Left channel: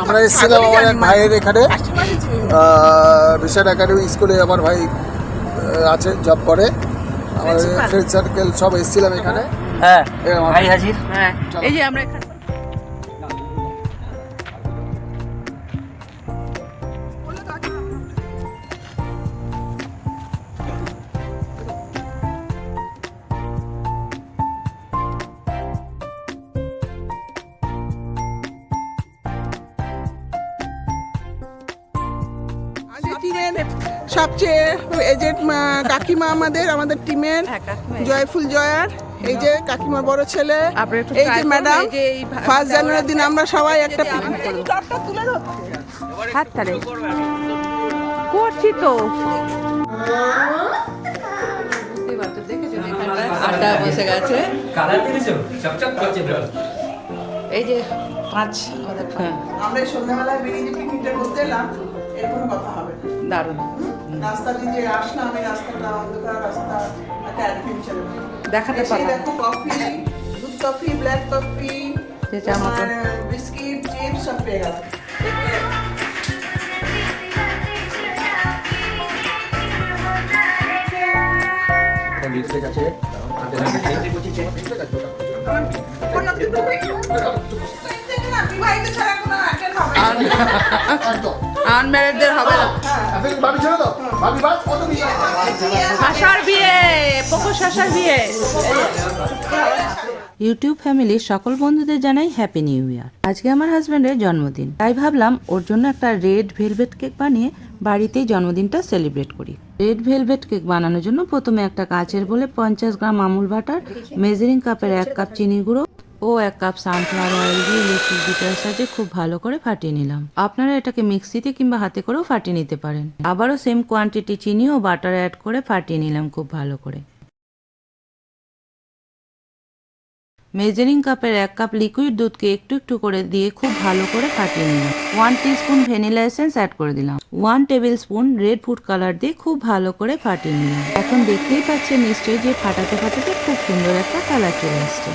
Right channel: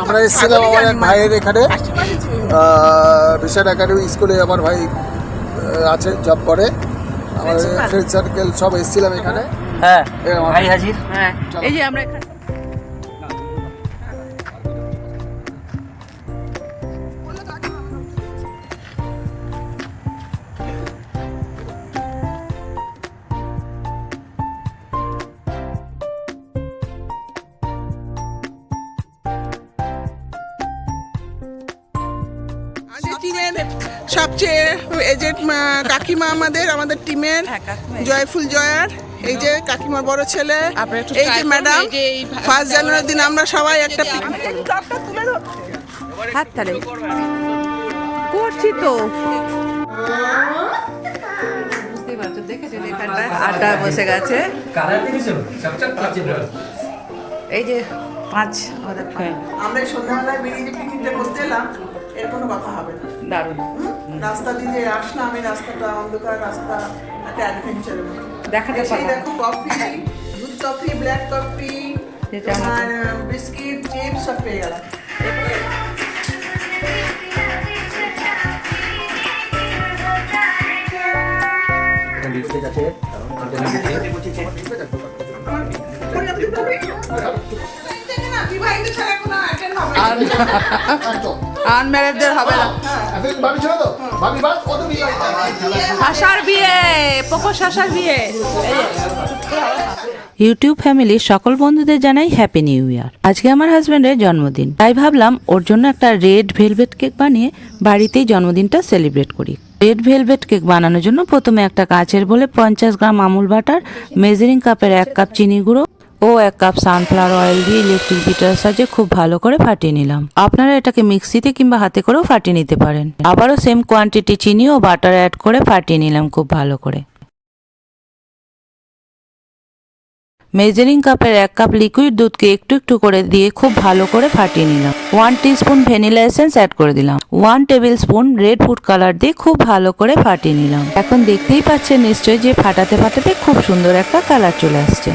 আমরা এসেছিলাম আমার এক ভাইয়ের এখানে বিশাল একাডেমি স্কুলে আমার ভাই আছে, জব করে। আমাদের ফ্রেন্ড সার্কেল সব এসেছিলাম এখানে। হ্যাঁ ভাই হাজির। হ্যাঁ এই যে আমরা এখানে সবচেয়ে এজেন্ট কাকিমা আমাদের টিমের জয়ফুল জয়ার, এই যে কাকিমার বড় ছেলে, এই যে ম্যাডাম। 1 জানুয়ারির দিন আমরা সবাই একটা পিকনিক হাত তালে করছি তো। বুঝতেই পারছো, দেখেছো এখানটায় আড্ডা বসে গেছে। এই যে 5 আমাদের আমরা সন্ধ্যাবেলায় বেরিয়ে যে পিকনিকটা করতে এলাম, এর কোনো কথা হবে না। দারুণ রাস্তা দিয়ে আসলাম, আমি রাস্তাটা অন্ধকার রাস্তা, একটা অ্যাডভেঞ্চারের মতো দেখাতে পারলাম। দেখো কফি, দুধ কফি, ব্ল্যাক কফি, আর বিস্কিট, চিপস সব পেয়ে গেলাম। আনম্যারেডদের হবে না। শাশার বিয়ে, পোকো শাশার বিয়ে। ইউটিউব ফ্যামিলির সকল বন্ধুদের জানাই হ্যাপি নিউ ইয়ার। আজকে আমার হাজব্যান্ডের জন্মদিন, তাই ভাবলাম ওর জন্য একটা রেড ভেলভেট কেক বানিয়ে বাড়িতেই জন্মদিনটা সেলিব্রেট করি। রেড ভেলভেট কেক বানানোর জন্য প্রথমে একটা কাচের বলে 50 গ্রাম আমুল বাটার, মেজারিং কাপের 1 কাপ চিনি গুঁড়ো ও 1 কাপ সানফ্লাওয়ার অয়েল দিয়ে ইলেকট্রিক বিটারের সাহায্যে খুব ভালো করে ফাটিয়ে নিলাম। আপনারা এটাকে মিক্সিতে কিংবা হাতে করেও ফাটিয়ে নিতে পারেন। আবারও সেম কোয়ান্টিটি চিনি ও বাটার অ্যাড করে ফাটিয়ে নিলাম খুব ভালো করে। মেজারিং কাপের 1 কাপ লিকুইড দুধকে একটু একটু করে দিয়ে খুব ভালো করে ফাটিয়ে নিলাম। 1 টিস্পুন ভ্যানিলা এসেন্স অ্যাড করে দিলাম। 1 table spoon red food colour দিয়ে খুব ভালো করে ফাটিয়ে নিলাম। এখন দেখতেই পাচ্ছেন নিশ্চয়ই যে ফাটাতে ফাটাতে খুব সুন্দর একটা কালার চলে আসছে।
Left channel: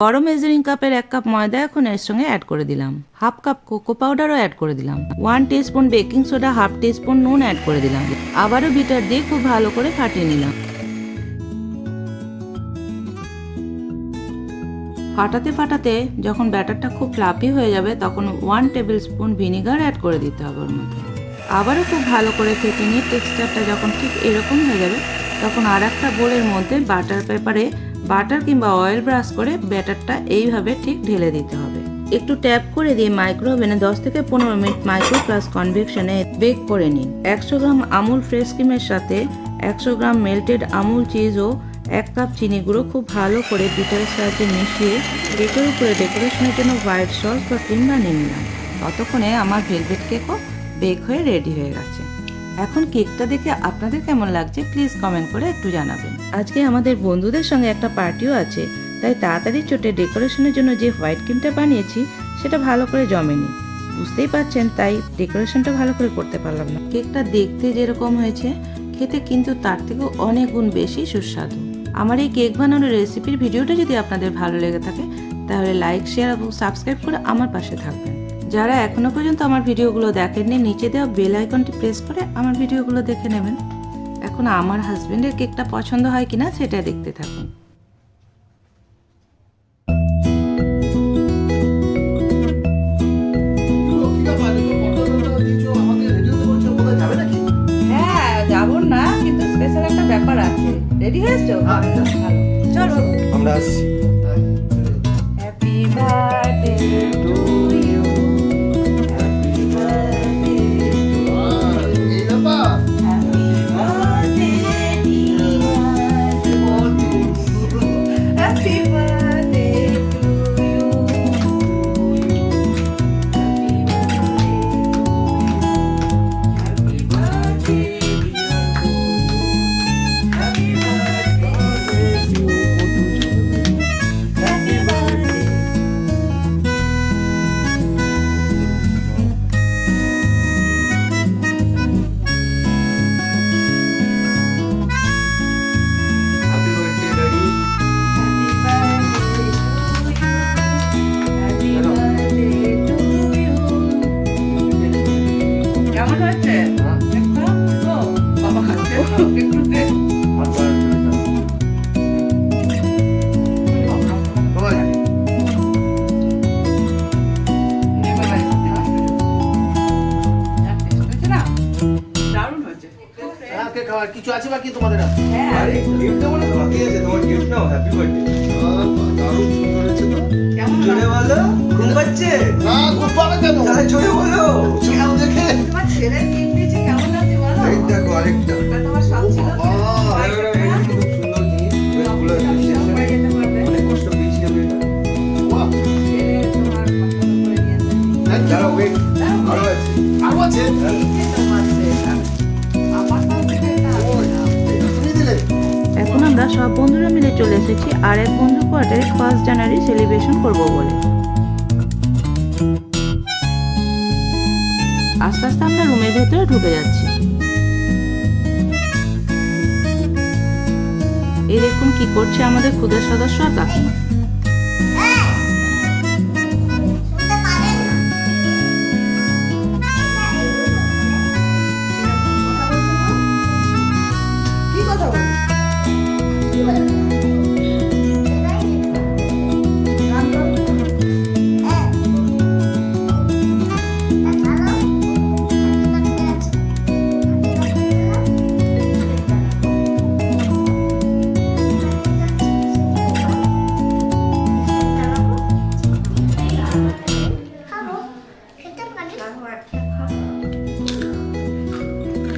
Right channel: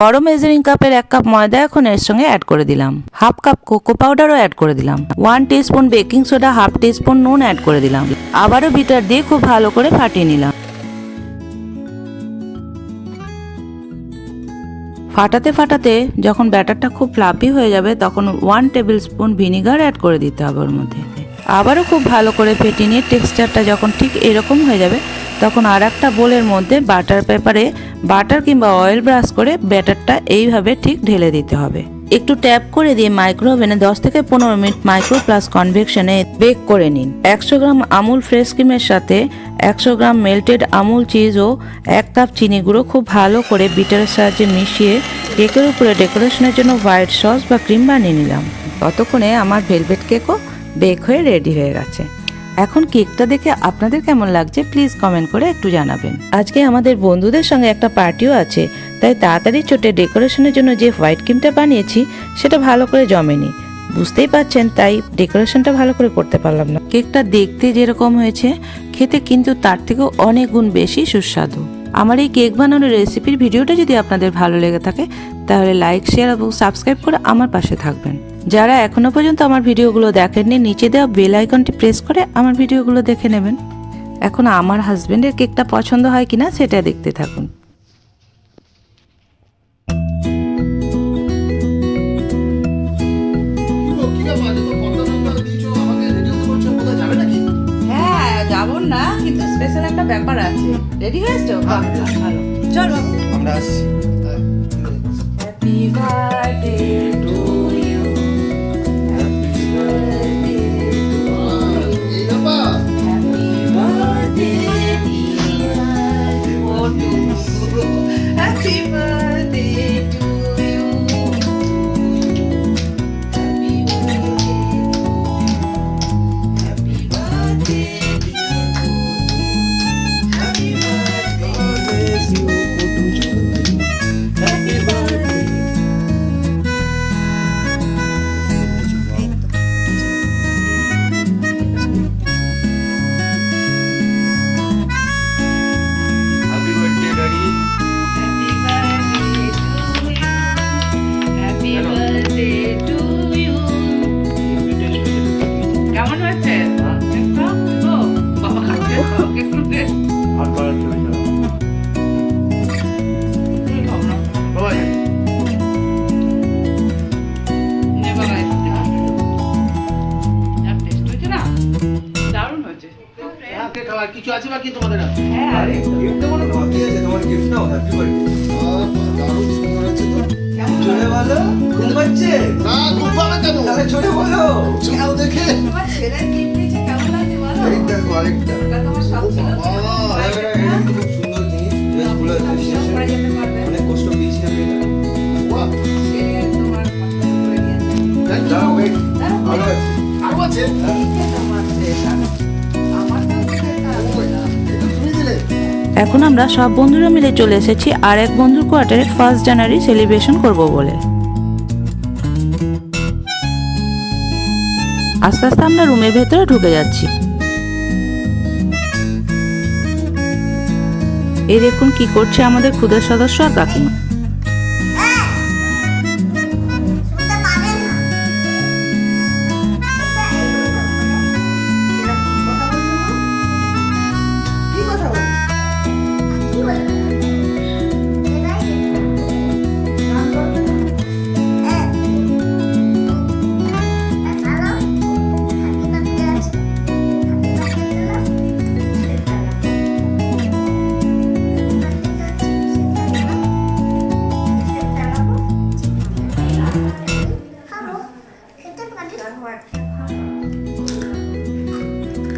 বড় মেজারিং কাপের 1 কাপ ময়দা এখন এর সঙ্গে অ্যাড করে দিলাম। 1/2 কাপ কোকো পাউডারও অ্যাড করে দিলাম। 1 টিস্পুন বেকিং সোডা, 1/2 টিস্পুন নুন অ্যাড করে দিলাম। আবারও বিটার দিয়ে খুব ভালো করে ফাটিয়ে নিলাম। ফাটাতে ফাটাতে যখন ব্যাটারটা খুব ফ্লাফি হয়ে যাবে তখন 1 টেবিল স্পুন ভিনিগার অ্যাড করে দিতে হবে ওর মধ্যে। আবারও খুব ভালো করে ফেটিয়ে নিয়ে টেক্সচারটা যখন ঠিক এরকম হয়ে যাবে তখন আর একটা বোলের মধ্যে বাটার পেপারে বাটার কিংবা অয়েল ব্রাশ করে ব্যাটারটা এইভাবে ঠিক ঢেলে দিতে হবে। একটু ট্যাপ করে দিয়ে মাইক্রো ওভেনে 10 থেকে 15 মিনিট মাইক্রো প্লাস কনভেকশনে বেক করে নিন। 100 গ্রাম আমুল ফ্রেশ ক্রিমের সাথে 100 গ্রাম মেল্টেড আমুল চিজ ও 1 কাপ চিনি গুঁড়ো খুব ভালো করে বিটারের সাহায্যে মিশিয়ে কেকের উপরে ডেকোরেশনের জন্য হোয়াইট সস বা ক্রিম বানিয়ে নিলাম। ততক্ষণে আমার ভেলভেট কেকও বেক হয়ে রেডি হয়ে গেছে। এখন কেকটা দেখে আপনাদের কেমন লাগছে প্লিজ কমেন্ট করে একটু জানাবেন। আজকে আমাদের বন্ধুদের সঙ্গে একটা পার্টিও আছে, তাই তাড়াতাড়ি চটে ডেকোরেশনের জন্য যে হোয়াইট ক্রিমটা বানিয়েছি সেটা ভালো করে জমেনি, বুঝতেই পারছেন, তাই ডেকোরেশনটা ভালো করে করতে পারলাম না। কেকটা দেখতে যেরকম হয়েছে খেতে কিন্তু তার থেকেও অনেক গুণ বেশি সুস্বাদু। আমার এই কেক বানানোর রেসিপির ভিডিওটা যদি আপনাদের ভালো লেগে থাকে তাহলে লাইক, শেয়ার এবং সাবস্ক্রাইব করে আমার পাশে থাকবেন। যারা এখনো পর্যন্ত আমার ভিডিওগুলো দেখেননি নিচে দেওয়া বেল আইকনটি প্রেস করে আমার ভিডিওগুলো দেখে নেবেন। এখন আমার হাজবেন্ডের কেকটা পছন্দ হয় কিনা সেটা দেখতে থাকুন। হ্যাঁ যাবো না, কিন্তু স্পেশাল একটা ব্যাপার আছে। রেডি হয়েছো? চলো আমরা আসছি। Happy birthday to you, happy birthday, happy birthday happy birthday to you, happy birthday, happy birthday, happy birthday. আছে বাকি তোমাদের আছে? হ্যাঁ গিফট দেবো না বাকি আছে তোমার গিফট নাও হ্যাপি বার্থডে দারুণ সুন্দর হয়েছে তো। জোরে বলো ঘুম পাচ্ছে না খুব ভালো কেন তাহলে জোরে বলো চুল দেখে তোমার ছেলের গিফট দিয়েছে কেমন লাগছে বলো? এই দেখো আরেকটা ওটা তোমার সব ছিল তো? এটা খুব সুন্দর জিনিস বেশ ভালো অ্যাপ্রিসিয়েশন পরে যেতে পারবে। অনেক কষ্ট পেয়েছি আমি এটা বাহ, সে তোমার পছন্দ করে দিয়েছে। thank you। দাঁড়াও wait, আরো আছে আরো আছে? এই যে তোমার সেটা। আমার কাছে এটা ওই, এটা তুমি দিলে? এখন আমরা সব বন্ধুরা মিলে চলে এসেছি আর এক বন্ধুর কোয়ার্টারে 1 জানুয়ারি সেলিব্রেশন করব বলে। আস্তে আস্তে আমরা রুমের ভেতরে ঢুকে যাচ্ছি। এই দেখুন কি করছে আমাদের ক্ষুদের সদস্য আর কাকিমা। কি কথা বলছো?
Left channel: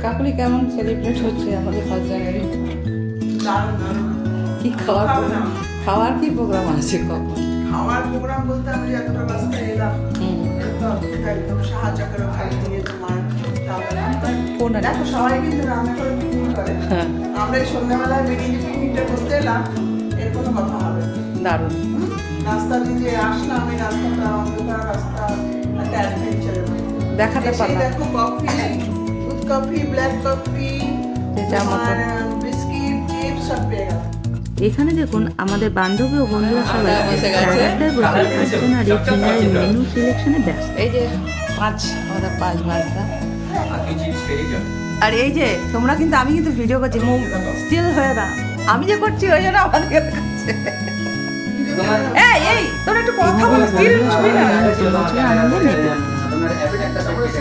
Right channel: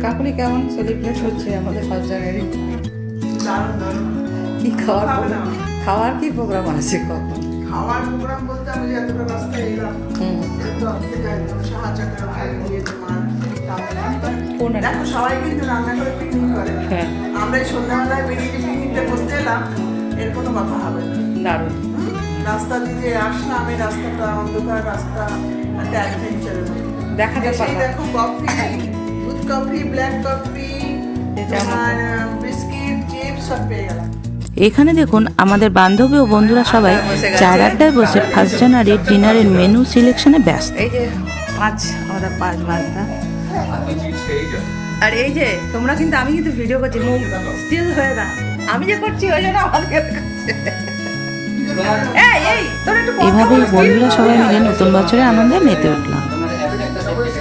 কাকুলি কেমন সেলিব্রেট হচ্ছে আমাদের 1 জানুয়ারি? দারুণ দারুণ। কি খাওয়ার খাবে না? খাওয়ার কি প্রোগ্রাম আছে কখন? খাওয়ার প্রোগ্রাম বলতে আমি যে এতটা রাস্তায় এলাম হুম। তো আপনি যাই সাহায্য করে খাইয়ে দিয়ে তোমার কোন রান্না? দেখো সবাই কিন্তু রান্না করে পিকনিক করে হ্যাঁ আমরা এই সন্ধ্যাবেলায় বেরিয়ে যে পিকনিকটা করতে এলাম এর কোনো কথা হবে না দারুণ। হুম? রাস্তা দিয়ে যে আসলাম এই রাস্তাটা অন্ধকার রাস্তা একটা অ্যাডভেঞ্চারের মতো দেখাতে এসেই পারলাম। দেখো কফি দুধ কফি ব্ল্যাক কফি যেটা আমাকে- বিস্কিট চিপস সব পেয়ে গেলাম এখানে দেখুন আমাদের বান্ধবী ও বন্ধুরা সবাই বসে গেছে। চার আড্ডায় বসে 1 জানুয়ারি ডিনারের মেনু সিলেকশনে ব্যস্ত। এই যে 5 আমাদের 5 মাসটা। আপনি চিপস খেয়ে যান আর এই যে তোমরা কিন্তু আমি কিন্তু ভিডিও করছি মুখ স্টিল হয়ে না আমি যে করছি ওই জন্য আমাদের কাছে এই এই তোরা একটু কথা এভাবে বল স্টিল বন্ধুরা সবাই মিলে নতুন বছরের আনন্দে মেতে উঠলাম। তোমার হ্যাপি একটা সেকেন্ড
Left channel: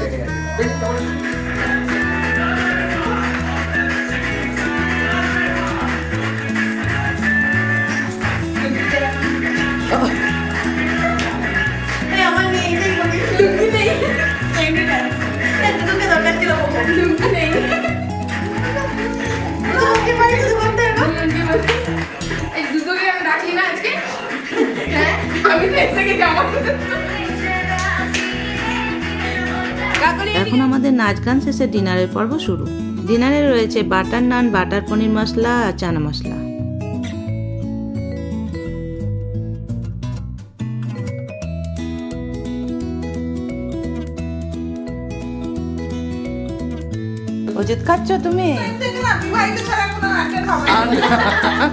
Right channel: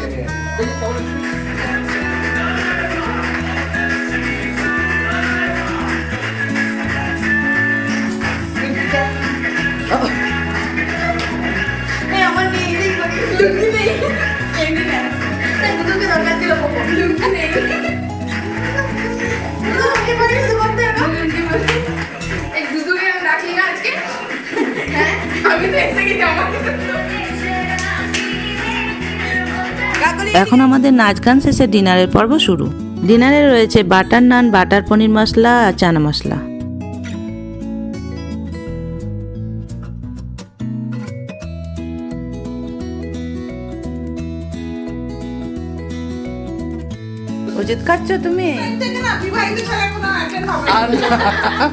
এখন আমাদের নাচ গান শেষে ডিনারের পর্ব শুরু। ডিনারে রয়েছে বাটার নান, বাটার পনির মশলা আর চানা মশলা। অজিত খাচ্ছ তুমি? দেখে না বিবাহিত ছাড়া কোনো অ্যাটেন্ড হবে না।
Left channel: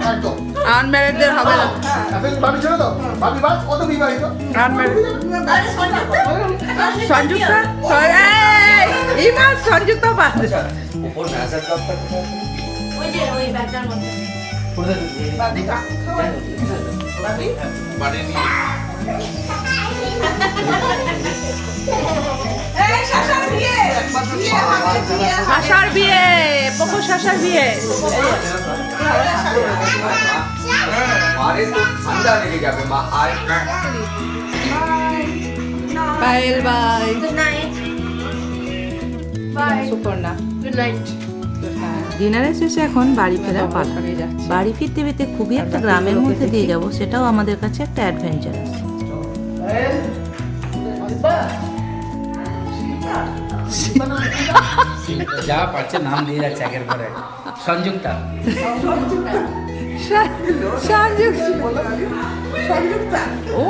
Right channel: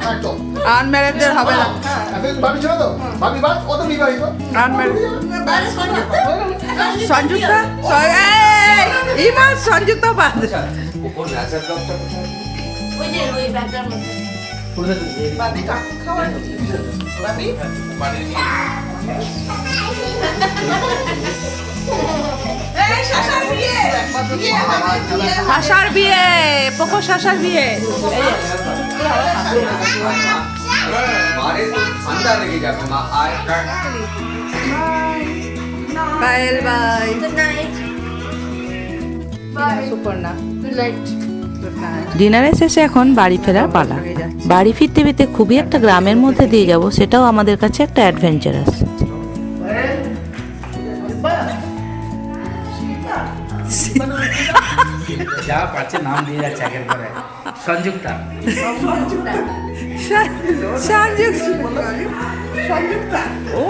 একদম। আনম্যারিডদের হবে না। এখন ভাবি ছিল তো? ভাবি বাস, ও তো বিবাহিত। আনম্যারিড সংযুক্তা ইমা সংযুক্তা বাদ ওপর ন্যাচারাল ক্লাবটা কোথায় আছে? বাদি কাকু খাওয়াই। বাদি? এই শাশার বিয়ে। বিয়ে। শাশার বিয়ে পোকো শাশার বিয়ে এই যে। মারে তো ঠান্ডা লেগে যাবে মা আয় Payel bye Good night. Suparna Good night. Good night. ডিনারের শেষে এখন বাড়ি ফেরার পালা। বাড়ি ফিরতে ফিরতে খুবই একটা গ্রামের মধ্যে দিয়ে যাব, সেটাও আমাদের কাছে একটা অ্যাডভেঞ্চারাস। যা পাচ্ছে নাম দিয়ে যাচ্ছে আগের পরে সংযুক্তা সংযুক্তা। ও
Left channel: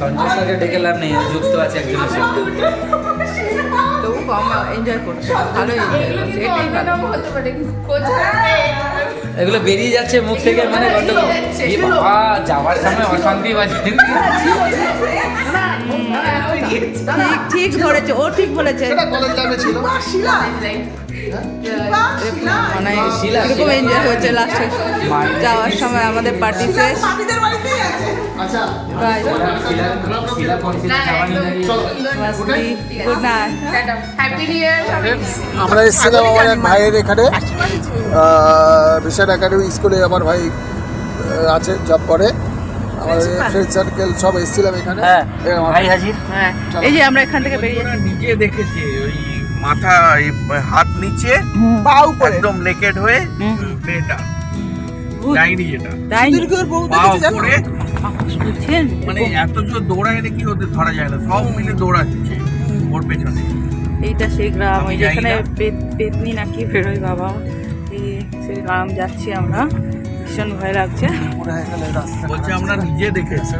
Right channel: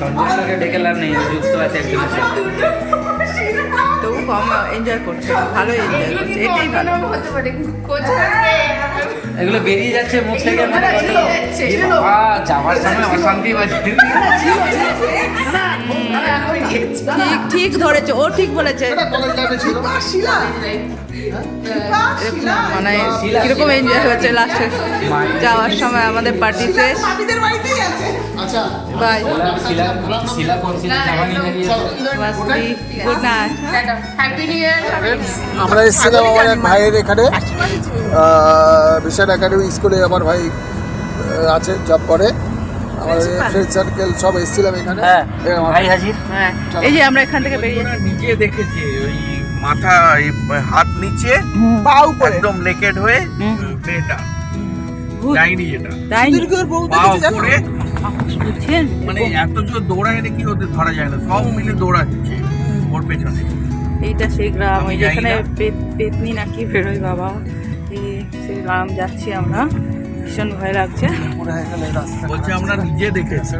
সংযুক্তাকে ডেকে লাভ নেই, যুক্ত আছে একজনের সাথে। তবু কম এনজয় করছে, ভালো এনজয় করছে, এটাই ভালো। হতে পারে কোচ করবে এগুলো বেরিয়ে যাচ্ছে মুখ থেকে, মানে কত এই বাবা যাওয়ার সময় অশান্তি বাজে। ঠিক ঠিক ধরেছে, ও ঠিক বলেছে। এটা কলেজ টাইমে ছিল। শিলা। এরকম মানে কিরকম এনজয় হয়েছে লাস্টে যাওয়ার সময় আমাদের পার্টি শেষ। পাপিদের বাড়িতেই আছে। বাই শিলা করছে যাওয়া নিয়ে দাঁড়িয়ে মাস্তি good night tata happy new year আমরা এসেছিলাম আমার এক ভাইয়ের এখানে ভিশন একাডেমি স্কুলে আমার ভাই আছে, জব করে। আমাদের ফ্রেন্ড সার্কেল সব এসেছিলাম এখানে। এই আমার ভাই হাজির। হ্যাঁ এই যে আমরা এখান থেকে বেরিয়ে ওরা নিজে দেখেছে ওই মাথা এই হাত নিচে পা উপরে একদম নেকেড হয়ে মেয়েটা যায়নি যেটা তাই দুর্গের বউ পা দেখেছি জানো? উপরে বুঝছেন মানে এত জোর দৌড়ায় দেখি ওদের ধরা যায় না, সব মিলে দৌড়াচ্ছে ওর পেছনে। এইটা সেই গ্রাম আমি ওই জানি যেখানে না। পেতনি নাকি বেরোয় বাবা, এই সেই গ্রাম যাচ্ছি আমরা, ভীষণ ভয় লাগছে। পুরো এখানে রাস্তা বলছে আমরা নিজে দেখেছি।